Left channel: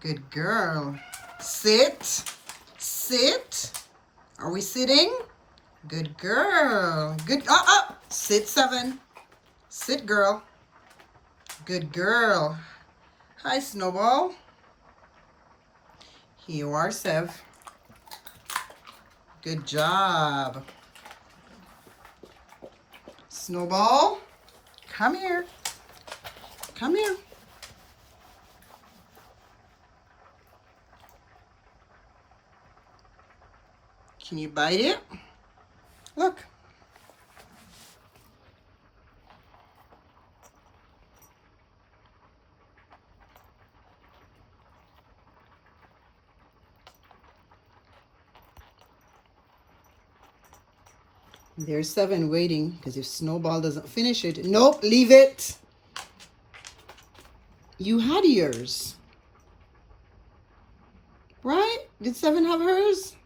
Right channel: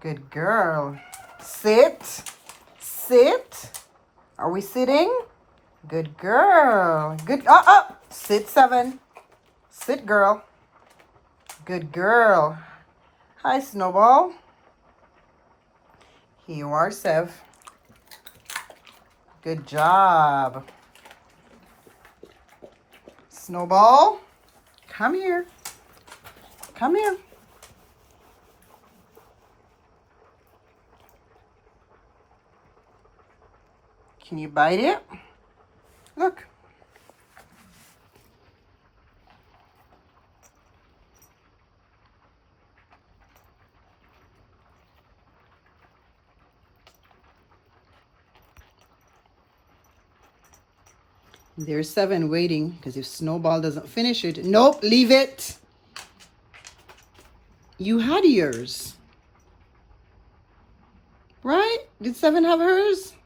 Good girl. Sit. Sit. Are we sitting? Good girl. Good. Sit, 7. Sit, girl. Good girl. Hi, Snowball. Here you are, Sev. Good job. Snowball, come here. Come here. Can you bite it? Look. There's 7 waiting, because if Snowball doesn't finish it, nope, leave it. You had yours. Right? Did 7 have hers?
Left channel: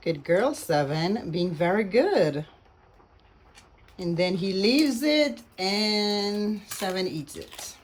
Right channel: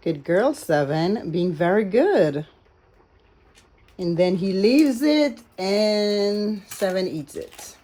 Good girl, 7. Being very good. And then he leaves it and 7 eats it.